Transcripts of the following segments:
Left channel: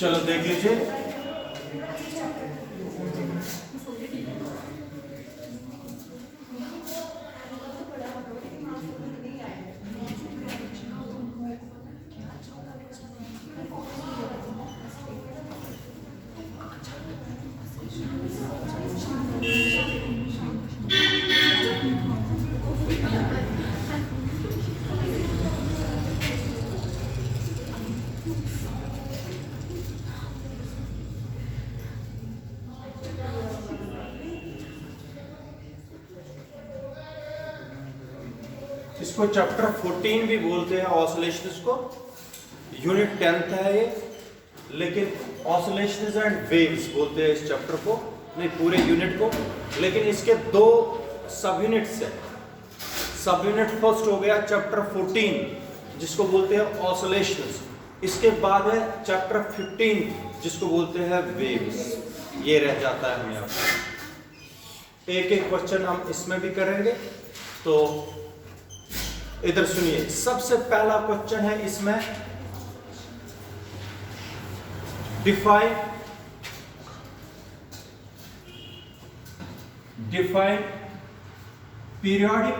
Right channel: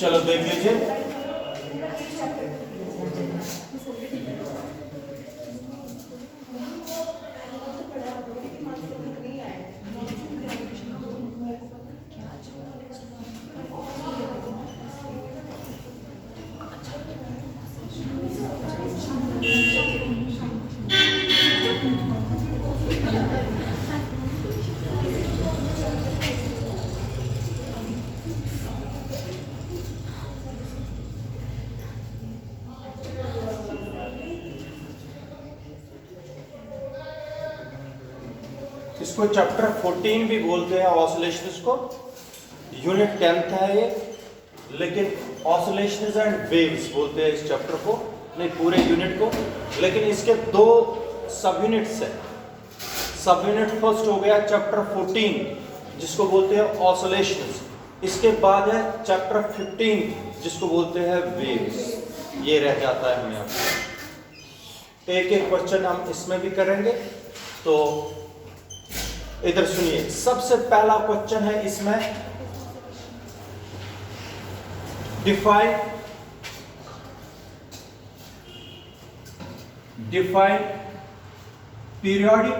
चलो देख लीजिए। इसको चैप्टर 14 भी बोलते हैं ऑसिलेशंस को। यूनिट 10th है ये, लेकिन ऑसिलेशंस एंड वेव्स बोलते हैं इस चैप्टर को, नहीं पूरे यूनिट को। लेकिन इसके दो सब यूनिट्स हैं। सब यूनिट फर्स्ट हो गया चैप्टर 14 जिसको बोलते हैं ऑसिलेशंस। इसके बाद है चैप्टर 15 जिसको बोलते हैं वेव्स। ये रह जाता है हमें। अब एक एक क्वेश्चन हम इसमें भी करेंगे। तो इधर सुनिए, सबसे पहला क्वेश्चन है इसमें, define periodic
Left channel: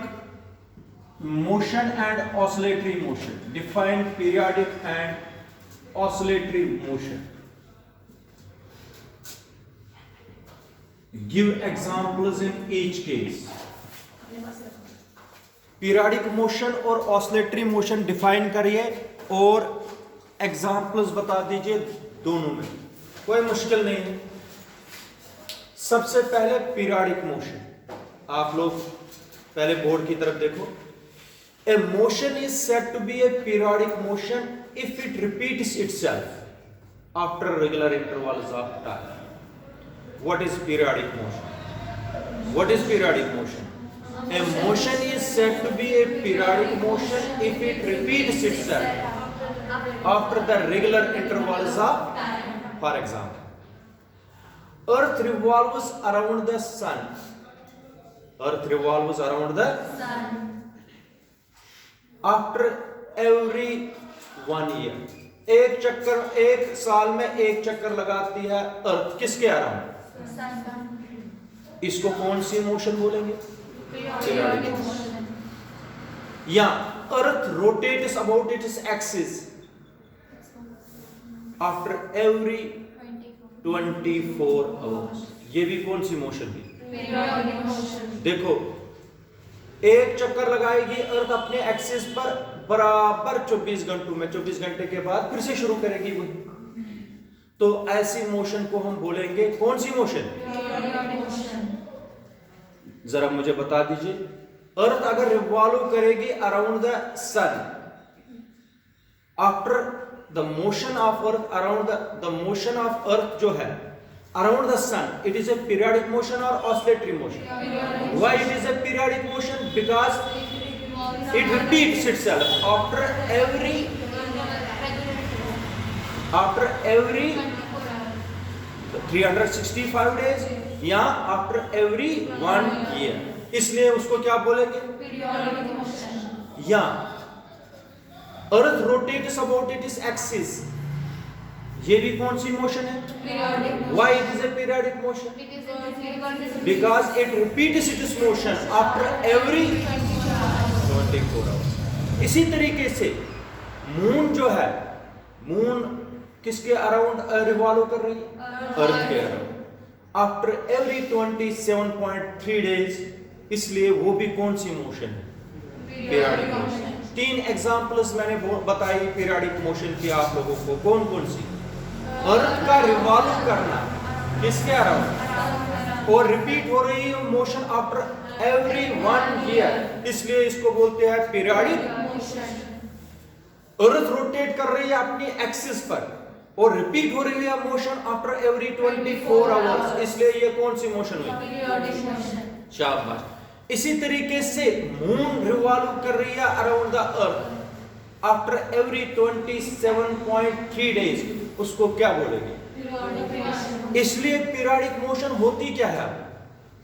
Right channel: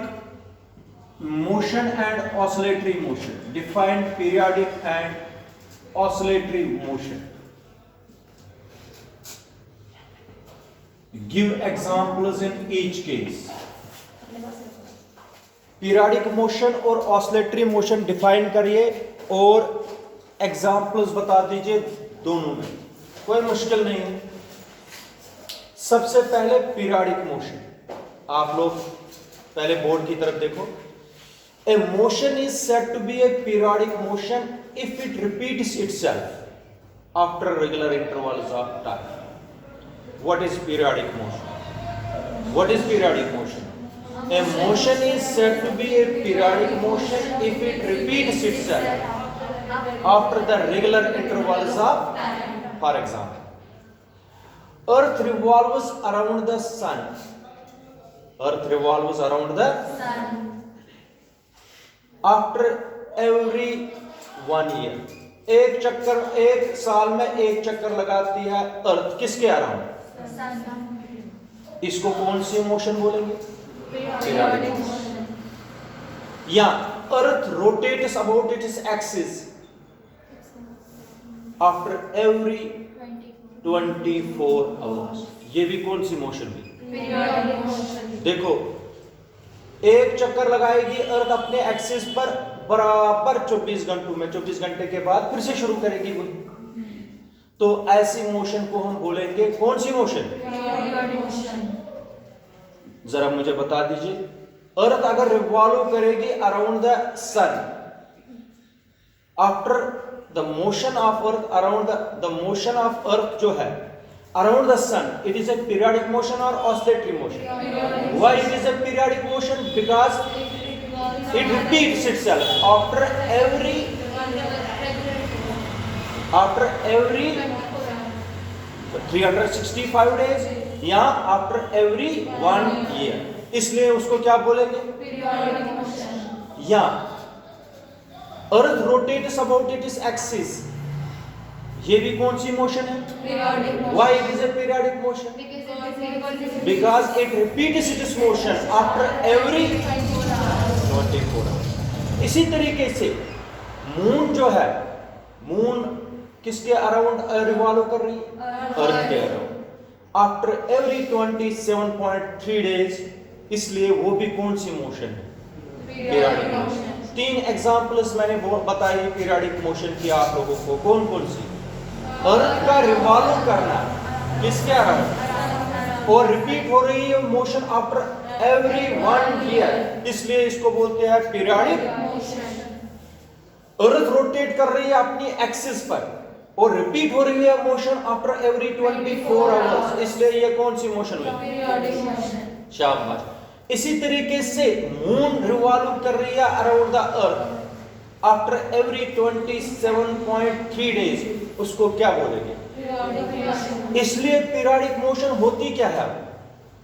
motion and oscillatory motion. Define periodic and oscillatory motion. Give examples in each case. Periodic motion और ऑसिलेटरी मोशन डिफाइन करिए और एग्जांपल्स बता दीजिए दोनों में, कोई मुश्किल नहीं है। सबसे पहले पीरियोडिक मोशन, आप लोग पहले बोर्ड की तरफ देखो। A motion is said to be a periodic motion if it repeats itself after regular intervals of time. What is periodic motion? What is periodic motion? A motion is said to be a periodic motion if it repeats itself after the regular intervals of time. For example, Earth revolves around the sun. Earth revolves around the sun after every 1 year. एक चक्कर, एक साल में एक चक्कर लगाती है अर्थ, किसके अराउंड? इसको कौन सी मोशन बोलेंगे? Periodic motion. Yeah, Earth rotates about its axis after every 24 hours. ये भी कौन सी मोशन थी? Periodic motion. देखो, एक चक्कर लगाएगी अर्थ अपने एक्सिस पर बराबर 24 घंटों में, 24 घंटे के बाद फिर से शुरू करेगी वो। तो ऐसी मोशन को हम बोलेंगे कौन सी मोशन? Periodic motion. जरा मुझे बता दीजिए, अर्थ अगर रिवॉल्व करेगी around the sun, after the motion of earth around the motion of earth जो है around the sun, it is a periodic motion और oscillatory motion. Why it is a periodic motion? Because it repeats itself after every 365 days या after every 1 year, इसलिए उसको क्या बोलेंगे? Periodic motion. या earth rotates about its axis, ये भी कौन सी मोशन है? Periodic. Why it is a periodic motion? Because it repeats it's motion after every 24 hours. इसी तरीके से मून जो है, मून किसके अराउंड रिवॉल्व कर रही है? अर्थ के अराउंड आफ्टर एवरी 27.3 डेज, इसलिए वो भी कौन सी मोशन है? Periodic motion. 3 एग्जांपल्स मैंने बताई पीरियोडिक मोशन की आप लोगों को, कौन कौन सी? अर्थ का रिवॉल्व करना किसके अराउंड और रिपीट हो रही है मोशन आफ्टर एवरी 1 ईयर, इसलिए इसको बोलते हैं पीरियोडिक मोशन। अर्थ रोटेट कर रही है अपनी एक्सिस पर और रिपीट हो रही है मोशन आफ्टर एवरी 24 आवर्स, इसलिए ये कौन सी मोशन है? Periodic motion. शाबाश। इसी तरीके से मून रिवॉल्व कर रही है around the earth after every 27.3 days, उसको क्या बोलेंगे? Periodic motion. इसलिए पीरियोडिक मोशन होती क्या है?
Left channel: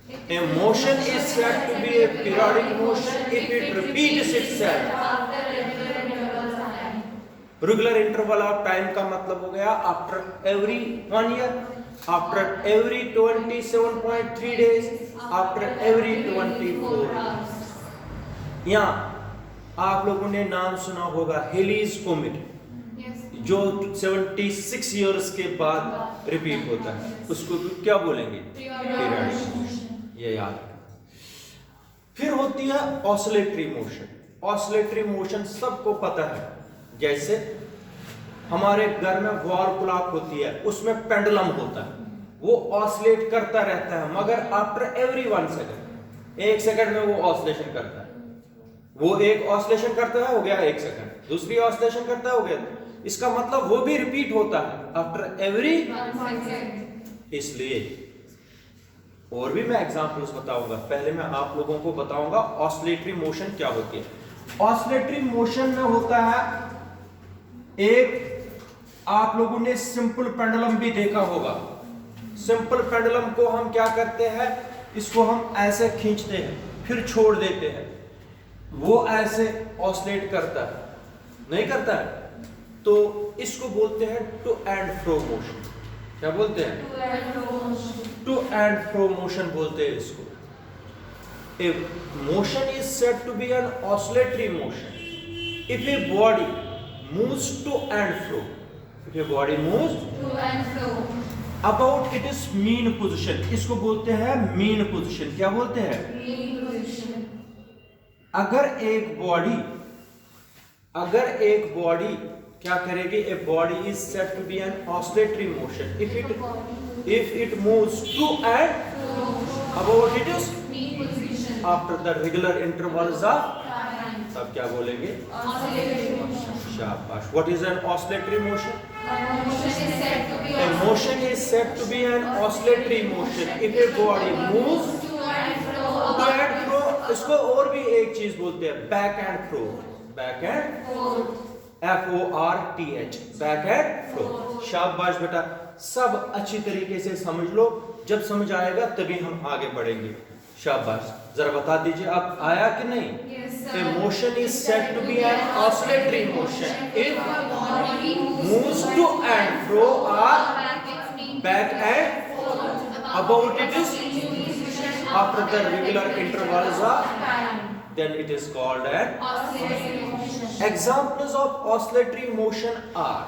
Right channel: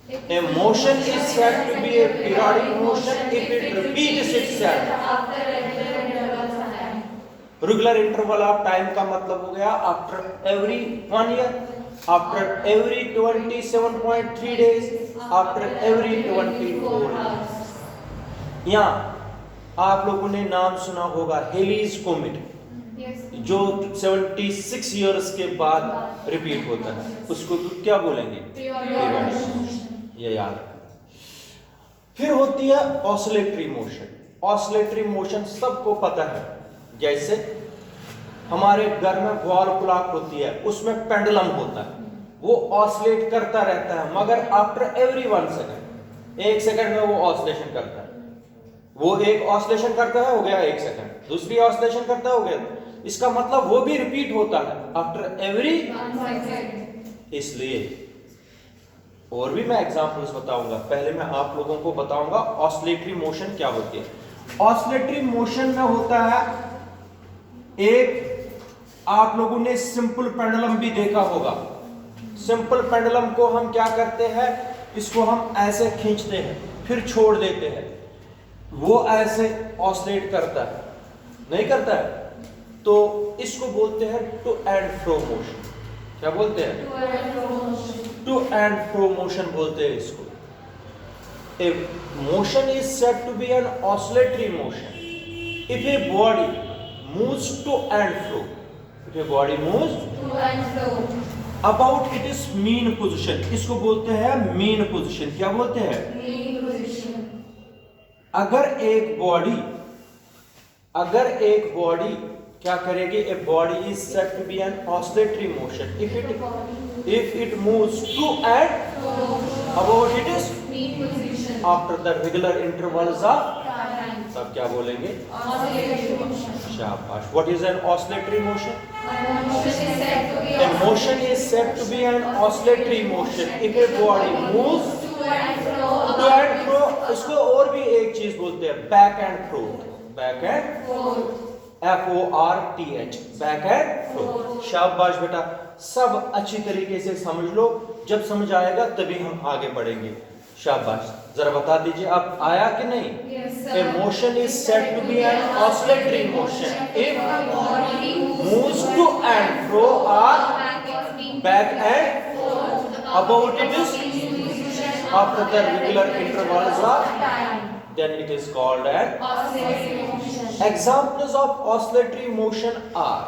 A motion is said to be a periodic motion if it repeats itself regular interval of time का मतलब हो गया after every 1 year, after every 27.3 days, after every 24 hours. यहाँ आप लोगों ने नाम सुना होगा हेलीज कोमेट, जो 76 इयर्स के बाद रिपीट होता है, उसको क्या बोलेंगे? पीरियडिक। ये याद रखना। फिर होती है ऑसिलेटरी मोशन। ऑसिलेटरी मोशन सबको पता है, जैसे हमारे घर में वॉल क्लॉक होती है, उसमें पेंडुलम होता है, वो ऑसिलेट करता रहता है, मगर आफ्टर एवरी 1 सेकंड, 1 सेकंड में वो ऑसिलेशन करता है। वो एक ऑसिलेशन करता है, हो गया 1 सेकंड, दूसरी ऑसिलेशन करता है, हो गया। इसका मतलब वो भी रिपीट होता है आफ्टर एवरी 1 सेकंड। इसलिए और भी मैं एग्जांपल्स बताऊंगा, पहले मैं आप लोगों को बताऊंगा ऑसिलेटरी मोशन क्या होती है। ऑसिलेटरी मोशन में होता है, एक आप लोगों ने सिंपल पेंडुलम भी देखा होगा। सिंपल पेंडुलम को हम क्या करते हैं, इसको हम ऐसे खींचते हैं, फिर छोड़ देते हैं, वो ऐसे ऑसिलेट करता है, नहीं करता है, तो इसको बोलते हैं टू एंड फ्रो मोशन। क्या बोलते हैं? टू एंड फ्रो मोशन बोलते हैं इसको। A motion is said to be an oscillatory motion if a body moves to and fro. If a body moves to and fro about its mean position, इसको बोलते हैं mean position। क्या बोलते हैं? mean position। अगर एक body क्या करेगी? A body is said to be an oscillatory motion if it moves to and about its mean position after the regular intervals of time। तब क्या बोलेंगे? oscillatory motion। शाबाश। What is an oscillatory motion? A motion is said to be A motion is said to be an oscillatory motion if a body moves to and fro to and fro। इसको और भी एक चीज बोलते हैं, back and froth. Back and forth। FORTH, back and froth. शाबाश बेटा, सब अच्छी तरीके से समझ लो, जब समझ आएगा तभी हम आगे बढ़ेंगे। शाबाश। जरा बता दीजिए अब आया कि नहीं? Yes, A motion is said to be an oscillatory motion if body moves to and fro or back and about it is after the regular intervals of time। then it is called an oscillatory motion। examples of oscillatory motion are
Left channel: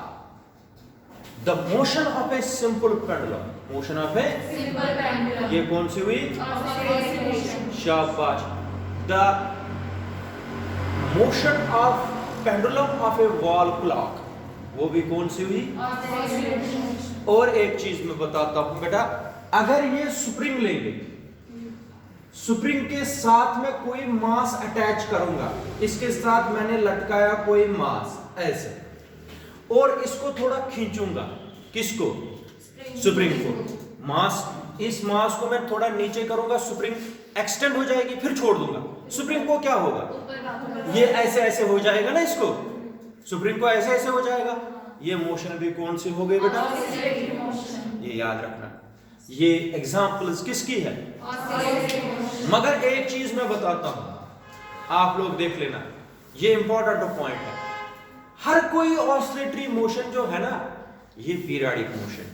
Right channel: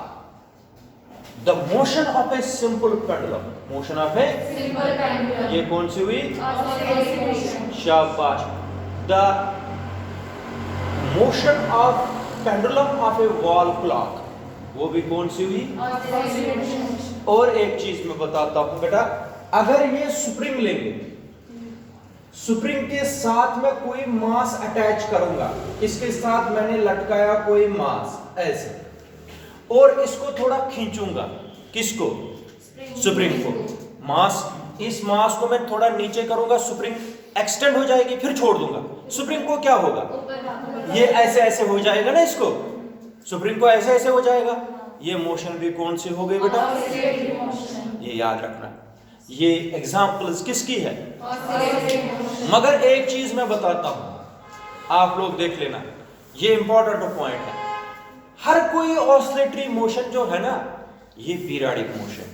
the motion of a simple pendulum। motion of a simple pendulum। ये कौन सी हुई? oscillatory motion। शाबाश। the motion of pendulum of a wall clock, वो भी कौन सी हुई? oscillatory motion। और एक चीज मैं बताता हूं बेटा, अगर ये स्प्रिंग लेंगे, स्प्रिंग के साथ में कोई मास अटैच करूंगा, इसके साथ मैंने लटकाया कोई मास ऐसे, और इसको थोड़ा खींचूंगा, किसको? स्प्रिंग को। मास, इस मास को मैं थोड़ा नीचे करूंगा, स्प्रिंग एक्सटेंड हो जाएगी, फिर छोड़ दूंगा, स्प्रिंग को क्या होगा? ये ऐसे ऐसे हो जाएगा ना, इसको स्प्रिंग को ऐसे ऐसे हो जाएगा। ये मोशन भी कौन सी हो गई बेटा? oscillatory motion। ये याद रखना। ये एग्जांपल्स किसकी है? oscillatory motion। मगर एक चीज मैं बताता हूं, आप लोग देख लेना, ये इंपॉर्टेंट पॉइंट है। हर कोई ऑसिलेटरी मोशन जो है ना, ये पीरियडिक मोशन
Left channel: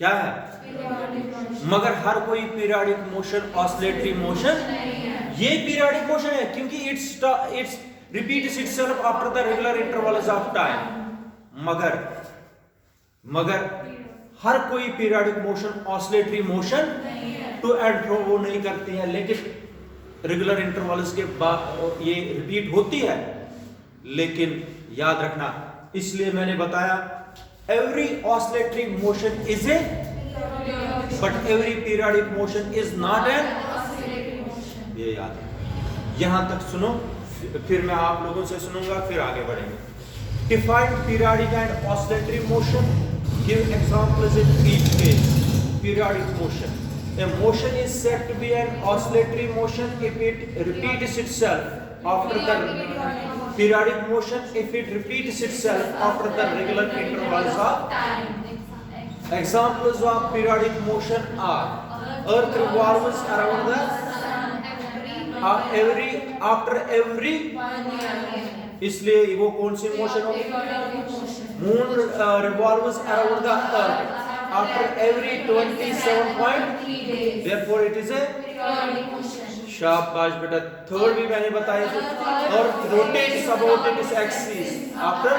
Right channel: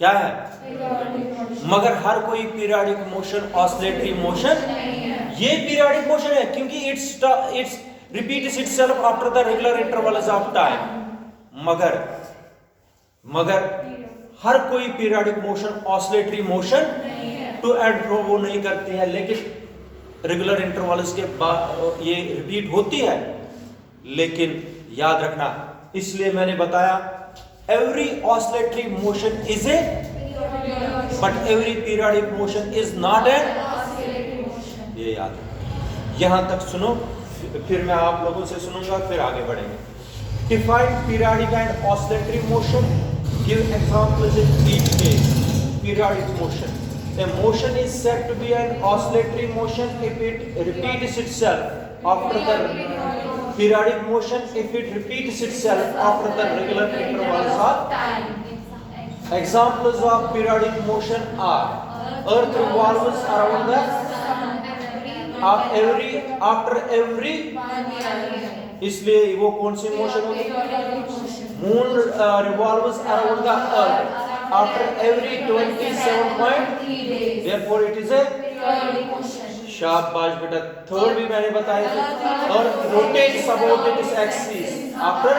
क्या है? periodic motion। मगर हर कोई पीरियडिक मोशन ऑसिलेटरी मोशन नहीं है। ये पीरियडिक मोशन है, क्योंकि it's repeats itself after the regular intervals of time. मगर हर कोई पीरियडिक मोशन ऑसिलेटरी मोशन नहीं है। टू एंड फ्रो वो नहीं करते हैं, लेकिन रेगुलर इंटरवल्स के बाद ये रिपीट होती है। लेकिन याद रखना, इसलिए मैंने बताया every oscillatory motion is a, but every periodic motion is not a. oscillatory motion। ये याद है। यहां तक सुनो, फिर मैं आप लोगों से सुनूंगा, फिर आगे बढ़ेंगे। Define periodic and oscillatory motion, give examples in each case. Periodic motion, a motion is said to be an oscillatory motion if it repeats itself after the periodic motion if it repeats itself after the regular intervals of time। examples of periodic motion are earth revolves around the sun every after every, इसलिए वो कौन सी motion होगी? Moon revolves around the earth after every 27.3 days. therefore it is a शाबाश बेटा, third भी मैंने बताया था, अर्थ rotates about its axis after,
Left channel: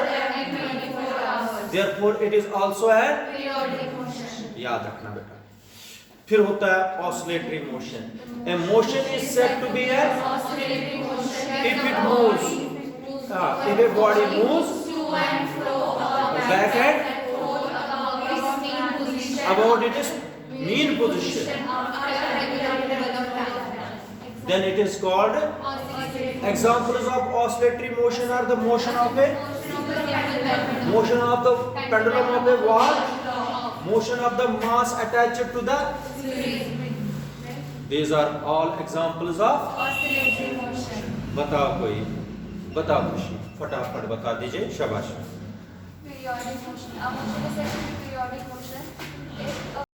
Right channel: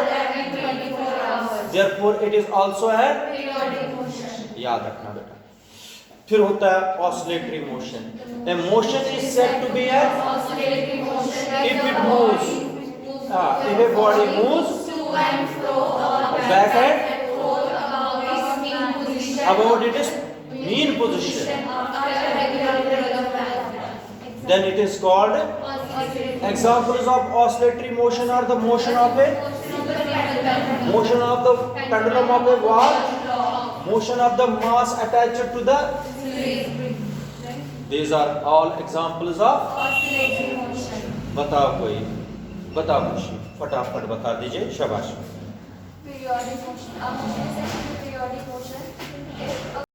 therefore it is also a, याद रखना बेटा। फिर होता है oscillatory motion. A motion is said to be a if it moves, if a body moves back and about its mean position, then it is called, examples of oscillatory motion are the motion of the pendulum of a wall, motion of the mass attached to the, these are all examples of, बताओ कोई, बताओ खुशी, फटाफट बता दीजिए, शाबाश। Periodic motion. अब मुझे सेक्शन periodic motion